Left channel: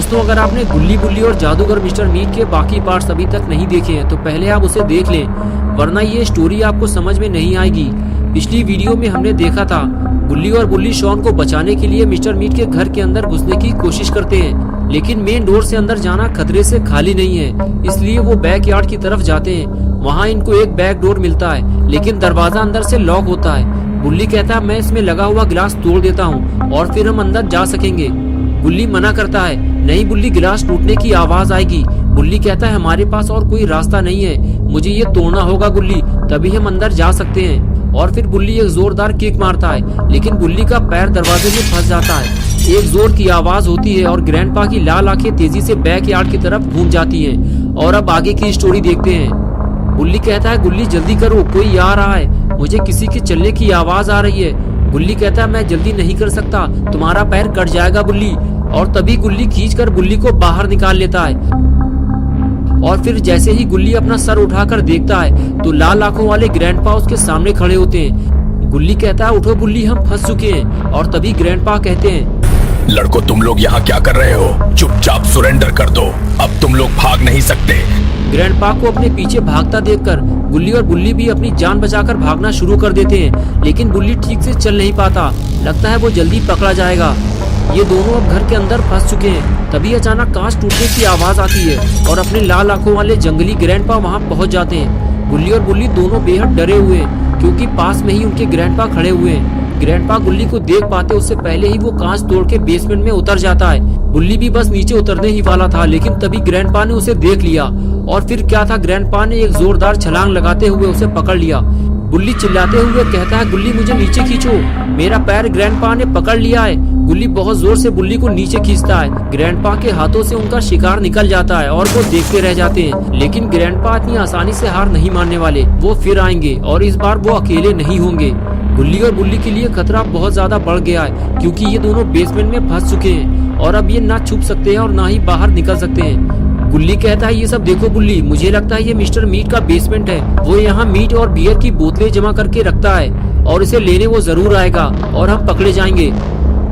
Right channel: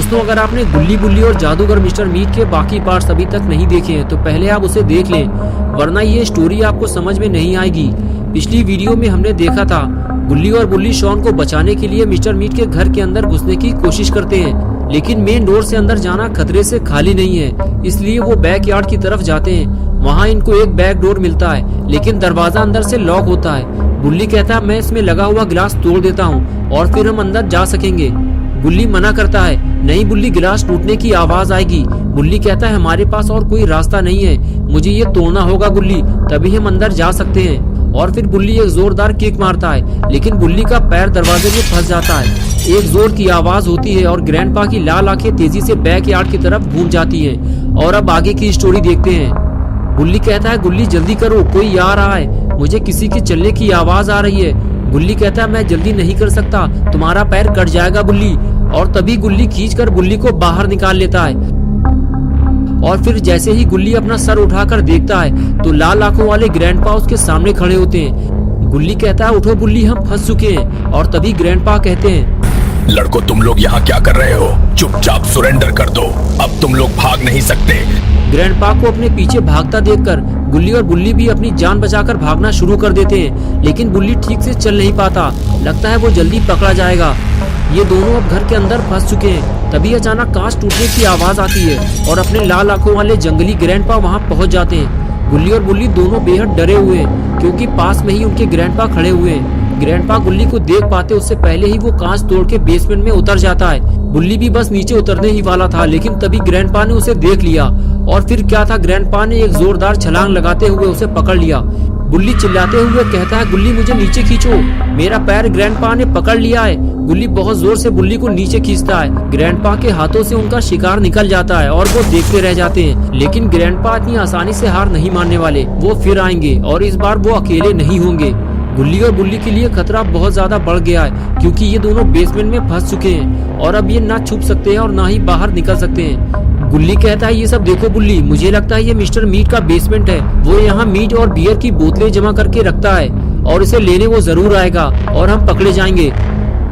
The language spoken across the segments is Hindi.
दोस्तों, अगर आपने गुल्ली बुल्ली और जादूगर मिस्टर मीट के बाकी पार्ट्स अभी तक नहीं देखे हैं तो पहले आप उसे देख लें, वरना ये स्टोरी आपको समझ में नहीं आएगी। पिछली वीडियो में हमने देखा था गुल्ली और बुल्ली शॉन को बचाने के लिए मिस्टर मीट के घर के अंदर घुसने की कोशिश करते हैं, लेकिन मेन डोर से अंदर जाना खतरे से खाली नहीं है, इसलिए वो बैकयार्ड की तरफ जाते हैं। वहाँ इनको एक बैक डोर मिलता है, लेकिन दरवाजा अंदर से लॉक होता है। बुल्ली कहता है मैं इसमें लगा हुआ गिलास तोड़ देता हूँ और फिर हम अंदर जा सकेंगे। बुल्ली मना करता है, नहीं बुल्ली, गिलास टूटने की आवाज आएगी। बुल्ली कहता है हमारे पास और कोई रास्ता नहीं है, मुझे ये तोड़ना होगा बुल्ली, तभी हम अंदर जा सकते हैं। और फिर बुल्ली एक जोरदार किक मारता है, लेकिन बुल्ली का पैर दरवाजे में फंस जाता है। एक जोर की आवाज होती है और ग्रैंडपा की लाल आंखें तेजी से बैकयार्ड की तरफ घूम जाती हैं। और अब आगे की स्टोरी देखते हैं। बुल्ली कहता है गुल्ली जल्दी करो, कोई आ रहा है, मुझे किसी के चलने की आवाज आ रही है। गुल्ली कहता है मैं जल्दी नहीं कर सकता, तुम्हारा पैर कट जाएगा बुल्ली। और तभी गुल्ली खींचकर बुल्ली को बाहर निकाल लेता है। और फिर जैसे ही गुल्ली अपना सर उठाकर देखता है तो लाल आंखों वाले ग्रैंडपा उसके सामने खड़े होते हैं। गुल्ली कहता है उठो बुल्ली, हम फंस चुके हैं। और तभी ग्रैंडपा कहते हैं लड़को, तुम लोग यहाँ क्या कर रहे हो? चुपचाप सरेंडर कर दो, अब तुम लोग भाग नहीं सकते। ग्रैंडपा को अपने पीछे भागता देखकर गुल्ली और बुल्ली भी अपनी जान बचाकर भागना शुरू कर देते हैं, लेकिन बुल्ली ठीक से चल नहीं पाता, लगता है वो जल्दी पकड़ा जाएगा। ये दोनों अब घर के अंदर फंस चुके हैं। तभी अचानक कांच टूटने की आवाज आती है और अपने लाल आंखों वाले जंगली ग्रैंडपा वहाँ पहुँच जाते हैं। गुल्ली और बुल्ली दोनों बेहद डरे हुए हैं, क्योंकि पास में ही उनके ग्रैंडपा खड़े हुए हैं। ग्रैंडपा गुल्ली को देख पाते उससे पहले ही वो कांच तोड़ के बेसमेंट में उतर जाता है। बुल्ली भी बस नीचे उतरने ही वाला था, लेकिन तभी ग्रैंडपा ने उसे देख लिया। और फिर क्या था, ग्रैंडपा ने एक जोरदार छलांग लगाते हुए उसे पकड़ लिया। बुल्ली चिल्लाते हुए कहता है गुल्ली मुझे नीचे खींचो, मेरा पैर ग्रैंडपा ने पकड़ लिया है। गुल्ली बहुत जोर से बुल्ली को नीचे खींचता है। ग्रैंडपा के हाथों से उनका शिकार निकल जाता है और वो देखते रह जाते हैं, लेकिन ग्रैंडपा इतनी आसानी से हार नहीं मानने वाले। वो फिर आएंगे और इस बार वो अकेले नहीं होंगे। गुल्ली और बुल्ली के लिए खतरा बहुत ज्यादा बढ़ गया है, क्योंकि ये दोनों बेसमेंट में फंस चुके हैं और अब ये ना छुप सकते हैं और ना ही बाहर निकल सकते हैं। गुल्ली कहता है ये सब देखो बुल्ली, मुझे लगता है ये मिस्टर मीट का बेसमेंट है। वो यहाँ मीट और बियर की बोतलें जमा करके रखता है और इसे लेने वो जरूर आएगा और हम पकड़े जाएंगे।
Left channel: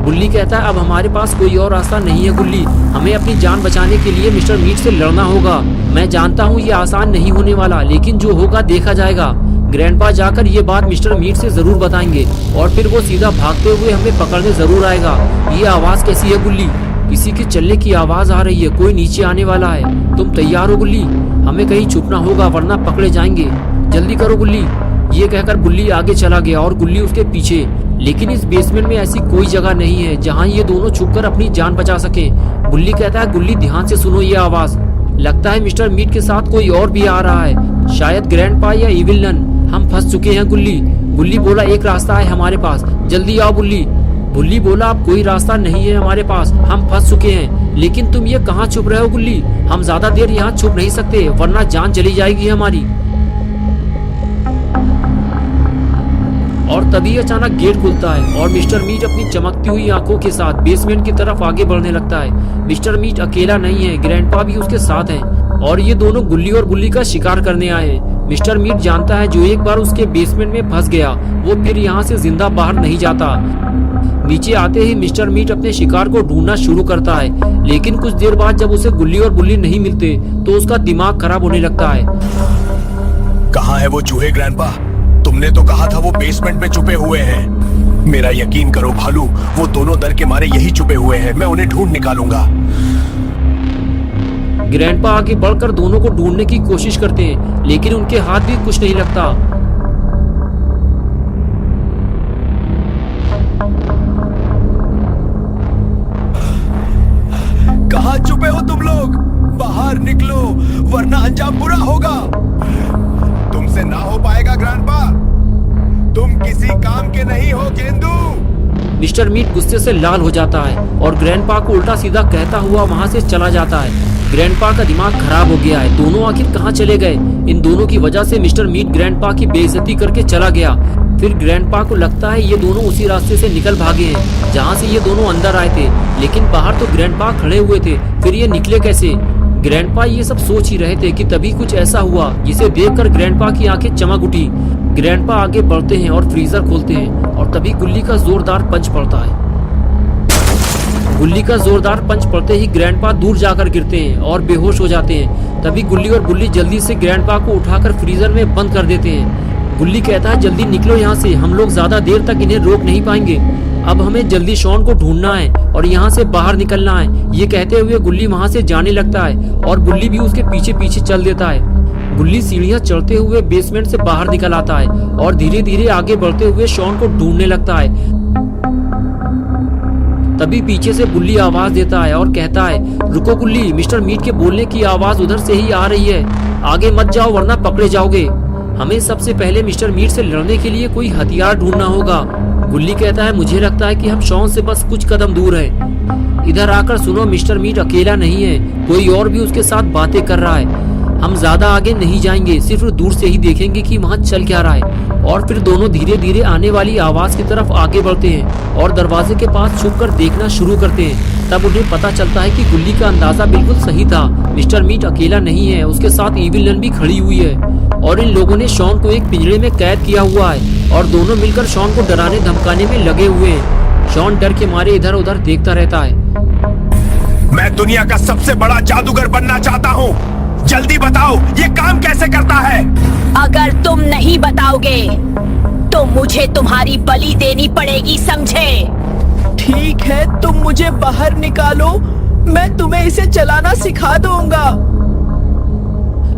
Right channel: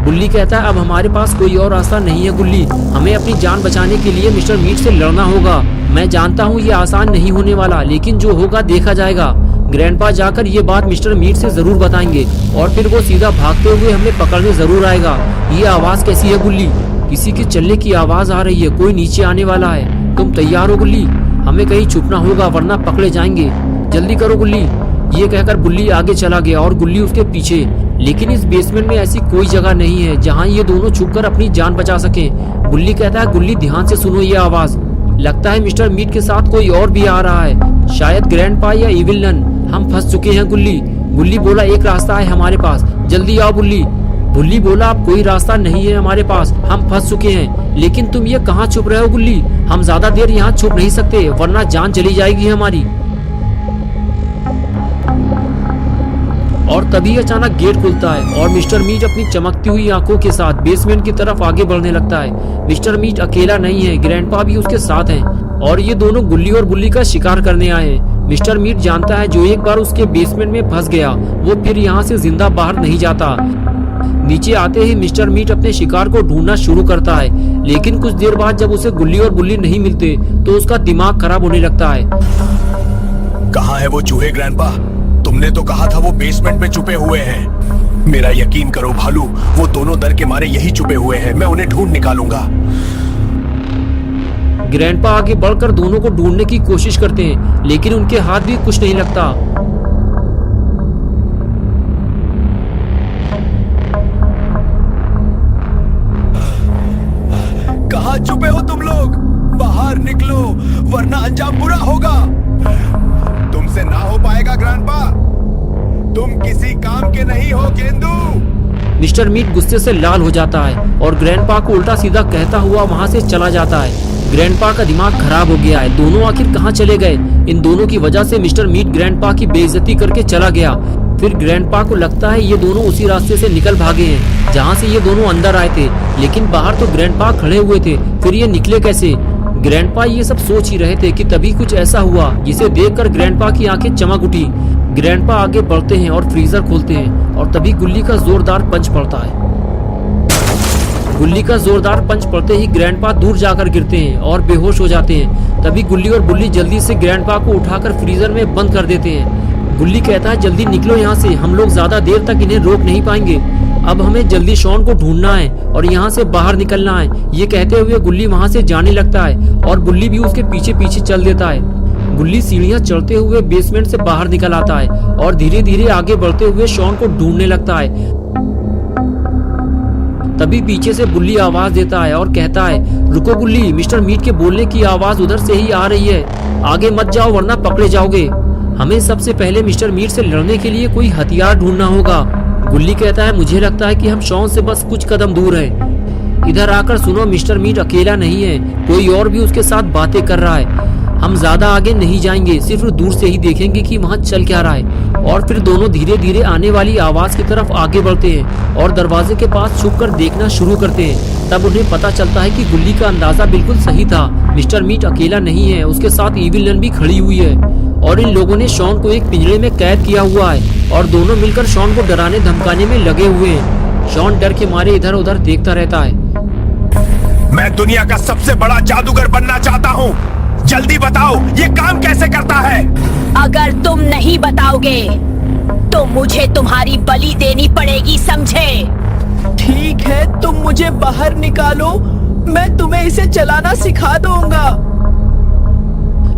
बुल्ली कहता है अब हमारे पास कोई और रास्ता नहीं है गुल्ली, हमें अपनी जान बचाने के लिए मिस्टर मीट से लड़ना होगा। मैं जानता हूँ ये आसान नहीं होने वाला, लेकिन जो होगा देखा जाएगा। ग्रैंडपा जाकर ये बात मिस्टर मीट से जरूर बताएंगे और फिर वो सीधा भागते हुए हमें पकड़ने जरूर आएगा। ये आवाज कैसी है गुल्ली? किसी के चलने की आवाज आ रही है, कोई नीचे आने वाला है। तुम तैयार हो गुल्ली? हमें कहीं छुपना होगा वरना पकड़े जाएंगे, जल्दी करो गुल्ली। ये कहकर बुल्ली आगे चला गया और गुल्ली उसके पीछे। लेकिन इस बेसमेंट में ऐसी कोई जगह नहीं है जहाँ ये दोनों छुपकर अपनी जान बचा सके। बुल्ली कहता है गुल्ली ध्यान से सुनो ये आवाज, लगता है मिस्टर मीट के साथ कोई और भी आ रहा है, शायद ग्रैंडपा या इविल नन। हम फंस चुके हैं गुल्ली। बुल्ली बोला एक रास्ता है हमारे पास, जल्दी आओ बुल्ली। बुल्ली बोला अब कोई रास्ता नहीं है हमारे पास, हम फंस चुके हैं। लेकिन तुम ये कहाँ छुप रहे हो गुल्ली? हम ज्यादा देर यहाँ छुप नहीं सकते वरना जान चली जाएगी हमारी। और तभी अचानक गेट खुलता है और मिस्टर मीट अपनी चमकती हुई आंखों के साथ बेसमेंट की तरफ आगे बढ़ने लगता है। मिस्टर मीट अकेला नहीं है, ग्रैंडपा भी उसके साथ हैं और ये दोनों गुल्ली और बुल्ली का शिकार करने आए हैं। मिस्टर मीट जानता है जो एक बार उसके बेसमेंट में फंस गया वो फिर यहाँ से जिंदा बाहर नहीं जाता। नीचे आते ही मिस्टर मीट अपने शिकार को ढूंढना शुरू करता है, लेकिन कुछ देर बाद जब उसे गुल्ली और बुल्ली नहीं मिलते तो उसका दिमाग खराब होने लगता है। कहाँ है वो चूहे ग्रैंडपा? तुमने तो कहा था वो बेसमेंट में छुपे हुए हैं। मेरा यकीन करो भालू, वो दोनों डर के मारे यही छुपे हुए हैं, मैं उन्हें ढूंढ निकालूंगा। ग्रैंडपा आगे बढ़कर दोनों को ढूंढने की कोशिश करते हैं, लेकिन उनके हाथ भी कुछ नहीं लगता। कहाँ छुपे हो तुम लोग? बाहर निकलो वरना अंजाम बुरा होगा। तुमसे ना हो पाएगा ग्रैंडपा, तुम किसी काम के नहीं हो गेंदू। मिस्टर मीट गुस्से से लाल हो जाता है और ग्रैंडपा को उल्टा सीधा कहता हुआ वहाँ से चला जाता है। ग्रैंडपा का दिमाग खराब हो गया है, दोनों आखिर कहाँ चले गए? इन दोनों की वजह से मिस्टर मीट ग्रैंडपा की बेइज्जती करके चला गया। फिर ग्रैंडपा को लगता है ये दोनों उसी रास्ते से निकल भागे हैं जहाँ से ये दोनों अंदर आए थे, लेकिन बाहर तो ग्रैंडपा खड़े हुए थे, फिर ये निकले कैसे? ग्रैंडपा ये सब सोच ही रहे थे कि तभी कुछ ऐसा हुआ जिसे देखकर ग्रैंडपा की आंखें चमक उठी। ग्रैंडपा आगे बढ़ते हैं और फ्रीजर खोलते हैं और तभी गुल्ली का जोरदार पंच पड़ता है। गुल्ली का जोरदार पंच पड़ते ही ग्रैंडपा दूर जाकर गिरते हैं और बेहोश हो जाते हैं। तभी गुल्ली और बुल्ली जल्दी से ग्रैंडपा को उठाकर फ्रीजर में बंद कर देते हैं। गुल्ली कहता है जल्दी निकलो यहाँ से, हम लोग ज्यादा देर तक इन्हें रोक नहीं पाएंगे। अब हमें जल्दी शॉन को ढूंढना है और यहाँ से बाहर निकलना है। ये कहते हुए गुल्ली वहाँ से जाने लगता है और बुल्ली भी उसके पीछे पीछे चल देता है। गुल्ली सीढ़ियाँ चढ़ते हुए बेसमेंट से बाहर निकल आता है और धीरे धीरे आगे बढ़ते हुए शॉन को ढूंढने लगता है। तभी पीछे से बुल्ली आवाज देता है और कहता है रुको गुल्ली, मिस्टर मीट के बोलने की आवाज उधर से ही आ रही है, आगे मत जाओ वरना पकड़े जाओगे। हमें सबसे पहले मिस्टर मीट से लड़ने के लिए कोई हथियार ढूंढना होगा। गुल्ली कहता है मुझे लगता है कि हम शॉन से बस कुछ कदम दूर हैं। इधर आकर सुनो, मिस्टर मीट अकेला नहीं है, कोई और भी उसके साथ बातें कर रहा है। हम ज्यादा आगे नहीं जाएंगे, सिर्फ दूर से ही देखेंगे कि वहाँ चल क्या रहा है। और फिर दोनों धीरे धीरे आने वाली आवाज की तरफ आगे बढ़ते हैं और दरवाजे के पास छुपकर देखना शुरू करते हैं। तब उन्हें पता चलता है कि गुल्ली का अंदाजा बिल्कुल सही था, मिस्टर मीट अकेला नहीं है, उसके साथ इविल नन भी खड़ी हुई है और इन लोगों ने शॉन को एक पिंजरे में कैद किया हुआ है और दोनों मिलकर शॉन को डराने धमकाने में लगे हुए हैं। शॉन डर के मारे इधर उधर देखता रहता है। मैं दुनिया का सबसे बड़ा जादूगर बनना चाहता हूँ, जल्दी बताओ ये काम कैसे करता है। अगर तुम नहीं बताओगे तो मुझे तुम्हारी बलि देनी पड़ेगी, समझे? ठीक है, तुम मुझे बाहर निकालो, मैं तुम्हें इसे चलाना सिखा दूंगा।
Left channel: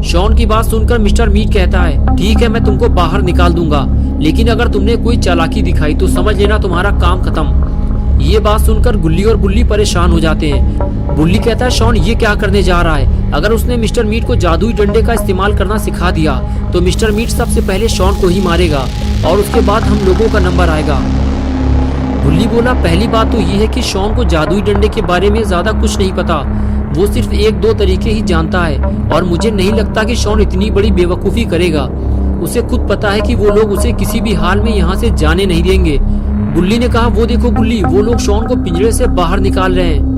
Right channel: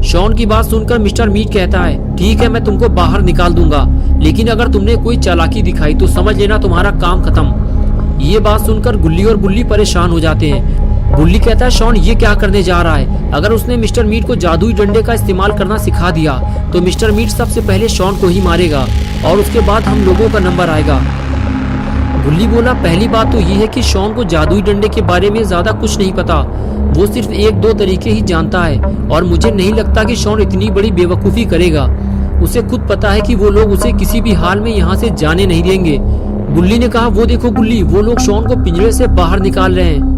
शॉन की बात सुनकर मिस्टर मीट कहता है ठीक है, मैं तुमको बाहर निकाल दूंगा, लेकिन अगर तुमने कोई चालाकी दिखाई तो समझ लेना तुम्हारा काम खत्म। ये बात सुनकर गुल्ली और बुल्ली परेशान हो जाते हैं। बुल्ली कहता है शॉन ये क्या करने जा रहा है, अगर उसने मिस्टर मीट को जादुई डंडे का इस्तेमाल करना सिखा दिया तो मिस्टर मीट सबसे पहले शॉन को ही मारेगा और उसके बाद हम लोगों का नंबर आएगा। बुल्ली बोला पहली बात तो ये है कि शॉन को जादुई डंडे के बारे में ज्यादा कुछ नहीं पता, वो सिर्फ एक दो तरीके ही जानता है और मुझे नहीं लगता कि शॉन इतनी बड़ी बेवकूफ़ी करेगा। उसे खुद पता है कि वो लोग उसे किसी भी हाल में यहाँ से जाने नहीं देंगे। बुल्ली ने कहा वो देखो गुल्ली, वो लोग शॉन को पिंजरे से बाहर निकाल रहे हैं।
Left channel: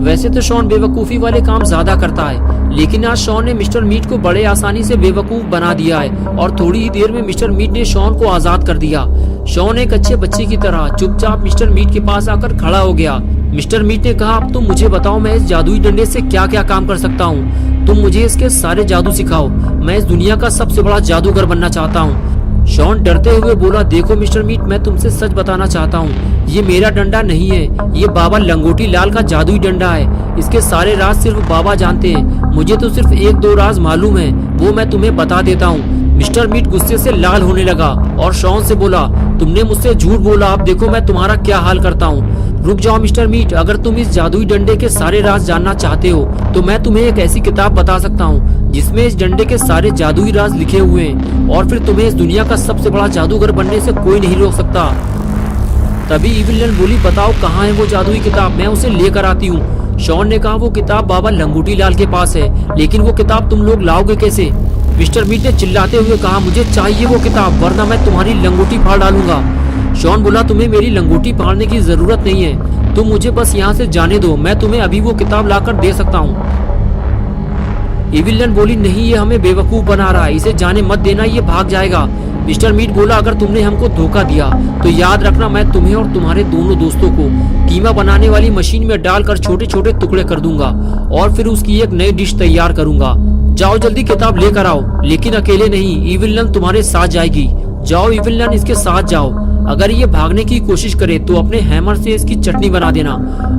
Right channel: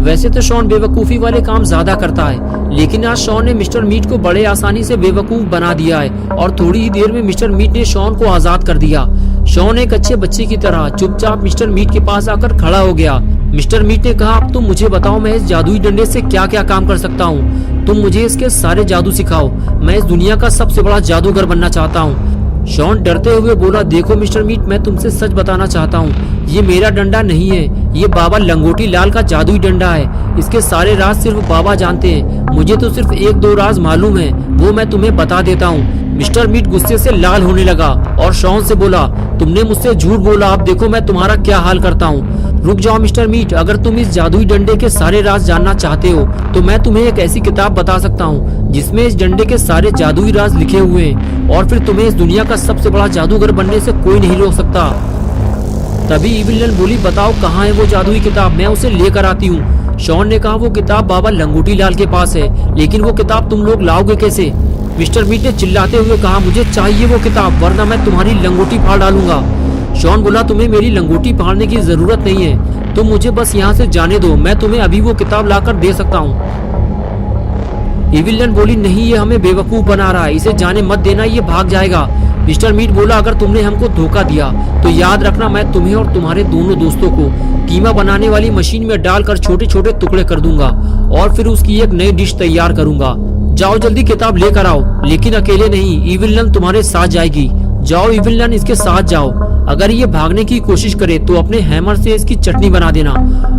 वैसे तो शॉन बेवकूफ़ी वाले काम ज्यादा करता है, लेकिन आज शॉन ने मिस्टर मीट को बड़े आसानी से बेवकूफ बना दिया है और थोड़ी ही देर में मिस्टर मीट ने शॉन को आजाद कर दिया। शॉन एक अच्छे बच्चे की तरह चुपचाप मिस्टर मीट के पास आकर खड़ा हो गया। मिस्टर मीट ने कहा अब तुम मुझे बताओ मैं इस जादुई डंडे से क्या क्या काम कर सकता हूँ, तुम मुझे इसके सारे जादू सिखाओ, मैं इस दुनिया का सबसे बड़ा जादूगर बनना चाहता हूँ। शॉन डरते हुए बोला देखो मिस्टर मीट, मैं तुमसे सच बताना चाहता हूँ, ये मेरा डंडा नहीं है, ये बाबा लंगोटी लाल का जादुई डंडा है। इसके सारे राज सिर्फ बाबा जानते हैं, मुझे तो सिर्फ एक दो राज मालूम है, वो मैं तुम्हें बता देता हूँ। मिस्टर मीट गुस्से से लाल होने लगा और शॉन से बोला तुमने मुझसे झूठ बोला, अब देखो मैं तुम्हारा क्या हाल करता हूँ। रुक जाओ मिस्टर मीट, अगर तुम इस जादुई डंडे के सारे राज जानना चाहते हो तो मैं तुम्हें एक ऐसी किताब बता सकता हूँ जिसमें इस डंडे के सारे जादुई राज लिखे हुए हैं और फिर तुम्हें इस दुनिया का सबसे बड़ा जादूगर बनने से कोई नहीं रोक सकता। तभी इविल नन बोली बताओ कहाँ है वो जादुई किताब, मैं उसे लेकर आती हूँ। शॉन ने कहा वो किताब बाबा लंगोटी लाल के पास है, लेकिन वो किताब तुम लोग लाओगे कैसे? मिस्टर मीट ने चिल्लाते हुए कहा मुझे चाहिए वो किताब वरना मैं तुम्हारी लंगोटी फाड़ डालूंगा। शॉन बोला तुम्हें मेरी लंगोटी फाड़ने की जरूरत नहीं है, तुम मुझे बस यहाँ से जाने दो, मैं तुम्हें अभी वो किताब लाकर दे सकता हूँ। इविल नन बोली नहीं, ये हमें बेवकूफ बना रहा है, इसे जाने मत देना, ये भाग जाएगा। मिस्टर मीट बोला अगर तुमने हमको धोखा दिया तो याद रखना मैं तुम्हें और तुम्हारे दोनों दोस्तों को कीमा बनाने वाली मशीन में डालकर छोटे छोटे टुकड़े कर दूंगा और फिर उसकी एक नई डिश तैयार करूंगा। जाओ जल्दी किताब लेकर आओ, लेकिन अकेले नहीं, इविल नन तुम्हारे साथ जाएगी। जाओ इविल नन इसके साथ जाओ, अगर ये भागने की कोशिश करे तो अपने हैमर से इसकी चटनी बना देना।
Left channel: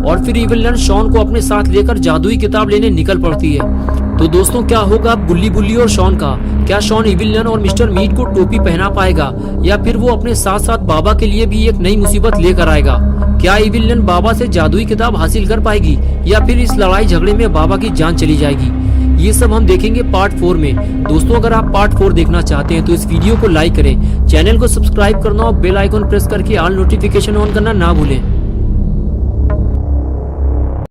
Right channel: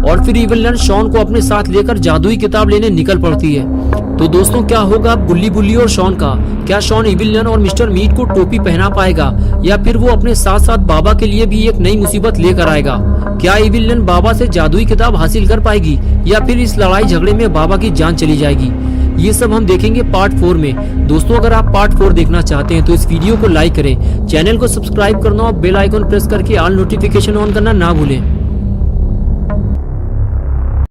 और फिर इविल नन शॉन को अपने साथ लेकर जादुई किताब लेने निकल पड़ती है। तो दोस्तों क्या होगा अब गुल्ली बुल्ली और शॉन का? क्या शॉन इविल नन और मिस्टर मीट को टोपी पहना पाएगा या फिर वो अपने साथ साथ बाबा के लिए भी एक नई मुसीबत लेकर आएगा? क्या इविल नन बाबा से जादुई किताब हासिल कर पाएगी या फिर इस लड़ाई झगड़े में बाबा की जान चली जाएगी? ये सब हम देखेंगे पार्ट 4 में। दोस्तों अगर आप पार्ट 4 देखना चाहते हैं तो इस वीडियो को लाइक करें, चैनल को सब्सक्राइब करना और बेल आइकन प्रेस करके ऑल नोटिफिकेशन ऑन करना ना भूलें।